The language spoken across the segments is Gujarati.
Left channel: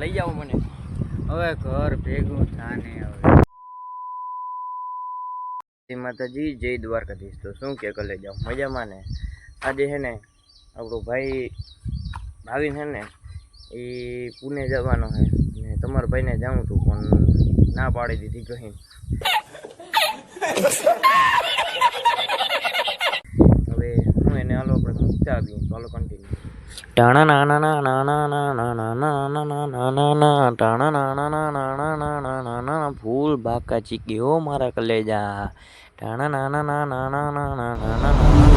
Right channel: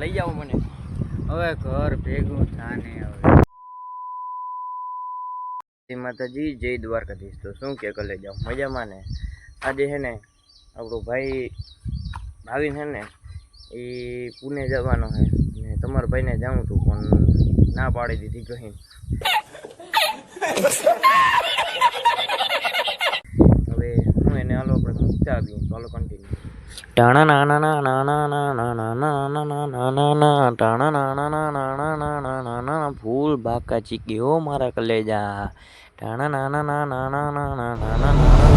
લઈ જાઓ મને. હવે ઘર ભેગું થાને હવે. જય માતાજી, જય દ્વારકાધીશ. તો શું કે લઈ જાઓ? મજામાં ને? આજે છે ને, આપણો ભાઈ ભાવિન છે ને, એ પુણે જવાનો છે ને તમારા ભાઈને જાઉં તું પણ ના પાડી દીધી કહી હવે હું એને હાલો આપણે મૂકતા આવીએ. હાલો કન્ટિન્યુ ફૂલ બાકા ચીકી હો મારા કલેજા. ટાણા નાના નાના નાના નાના નાના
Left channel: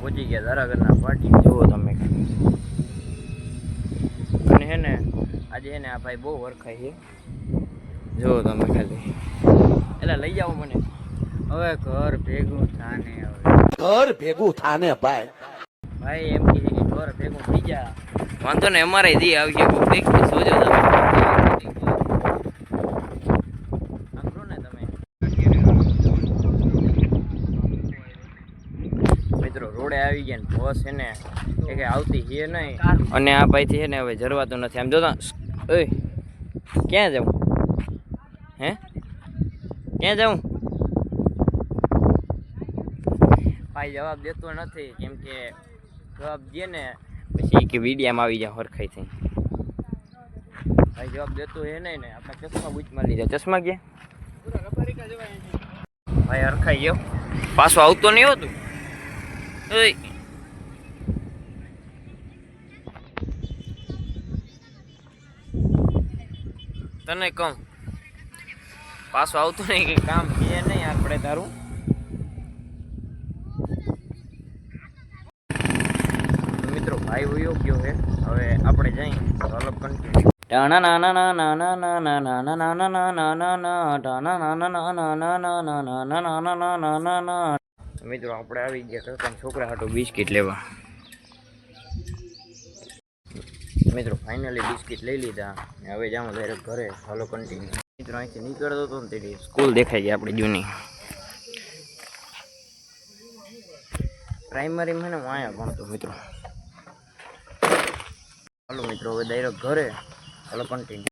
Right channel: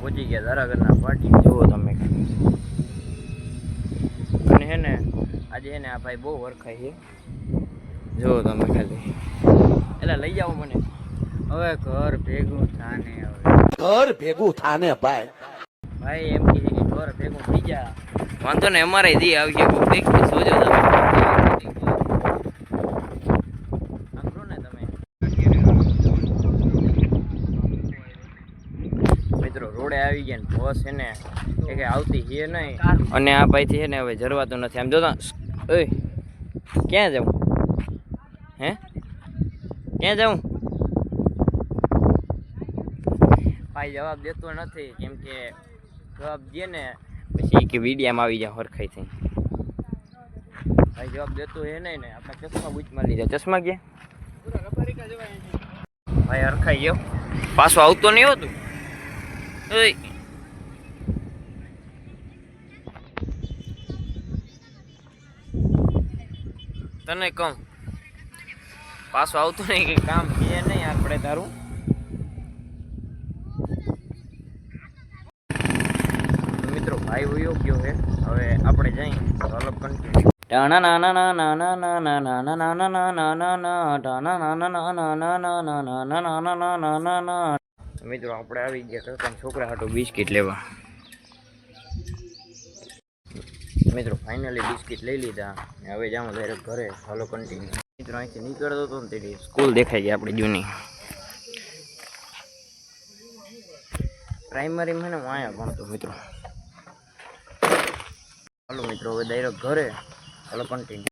પહોંચી ગયા ધારાગરના પાર્ટી જુઓ તમે. અને હે ને આજે હે ને આ ભાઈ બહુ વરખાય છે. જુઓ તમે ખાલી. એટલે લઈ જાઓ મને. હવે ઘર ભેગું થાને હવે. ઘર ભેગું થાને ભાઈ. ભાઈ એમ કે ઘર ભેગું થઈ જા. વાંધો ને અમારે દી આવી ગયા કોઈ કંઈક તો સોજો તમે સાંભળો ને તમે મિત્રો રોડે આવી ગયા ને બસ છે ને એ કે આવતી છે નહીં. અને આ ભાઈથી છે ને હવે જરવાતું નથી. આમ જોતા ઓય ક્યાં જાઉં? હે? ક્યાં જાઉં? ભાઈ જવાબ દેતો નથી કેમ કે જવાબ દે ને પછી કે વિડીયામાં આવી જાય હરખાઈ થઈ ભાઈ જવાબ દેતો હે નહીં ને આપણે ચશ્મા બૂચમાં લીધા. ચશ્મા ગયા ભાઈ હરખાઈ ગયો. પાછો આવતો નહીં હોતું ઓય તને કહું પાછું આવતું નહીં કે કામ કે નહીં આપણે તારું મિત્રો ભાઈ વયો ગયો છે હવે આપણે જઈ તો અલગ કન્ટિન્યુ ટાણા નાના નાના નાના નાના નાના નાના નાના નાના નાના નાના નાના નાના નાના નાના મિત્રો, આપણે આવી ગયા કાકા છોકરા હાટો બિસ્કિટ લેવા. મિત્રો ફાઇનલી બિસ્કિટ લઈ લીધા. હવે જાઉં ડાયરેક્ટ ઘરે હાલો કન્ટિન્યુ મિત્રો, અહીંથી નીકળતો હતો ને તેથી સ્કૂલ દેખાઈ ગઈ આપણી જૂની. પ્રાઇમરીમાં ને હું અહીંયા ભણતો, મિત્રો. હાલો મિત્રો, હવે ડાયરેક્ટ ઘરે હાલો કન્ટિન્યુ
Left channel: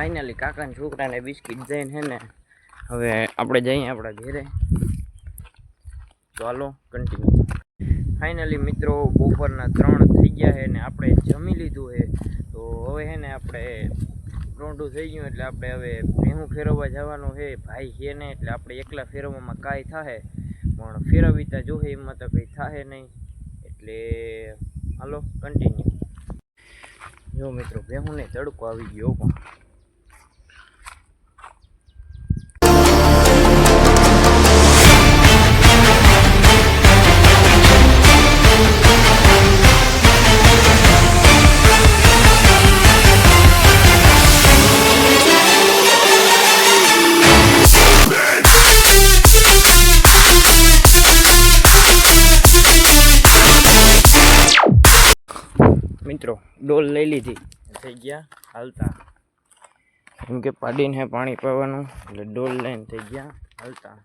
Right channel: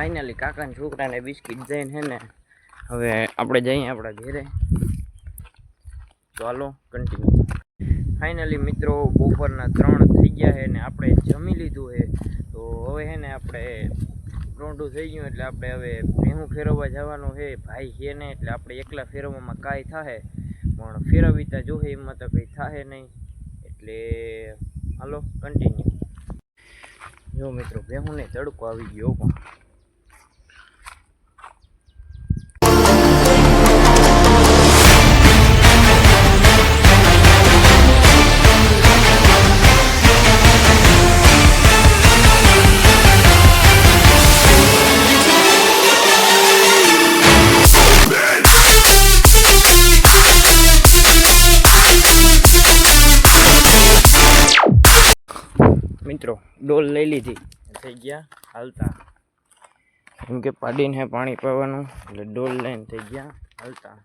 ફાઇનલી કાકાના છોકરાને બિસ્કિટ જઈને હે ને, હવે આપણે જઈએ આપણા ઘેરે. હાલો કન્ટિન્યુ ફાઇનલી મિત્રો, બપોરના ત્રણ થઈ ગયા છે ને આપણે જમી લીધું છે. તો હવે હે ને આપણે રોંઢું થઈ ગયું એટલે આપણે હવે ભેહું ફેરવવા જવાનું છે. ભાઈ છે ને એટલે આપણે એકલા ફેરવવામાં કાંઈ થાય પણ ફેરવીતા જોહે, એમાં તો કંઈ થાય નહીં. એટલે હાલો કન્ટિન્યુ જો મિત્રો, ભેહુંને તડકો આવી ગયો પણ. મિત્રો ડોલ લઈ લીધી. થઈ ગયા હાલતા. કેમ કે પાડીને પાણી પાવાનું એટલે ડોલ લઈને થઈ ગયા હાલતા.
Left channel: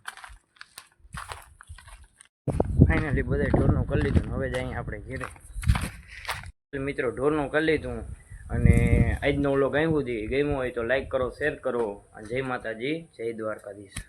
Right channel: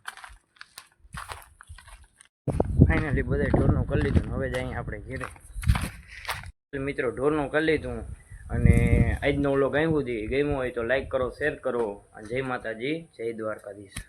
ફાઇનલી બધા ઢોરનું કરી લીધું હવે જ અહીંયા આપણે ઘેરે. મિત્રો ઢોરનું કરી લીધું અને આજનો ઓલો ગમ્યું હતી ગમ્યું હોય તો લાઈક કરો શેર કરો. અને જય માતાજી જય દ્વારકાધીશ.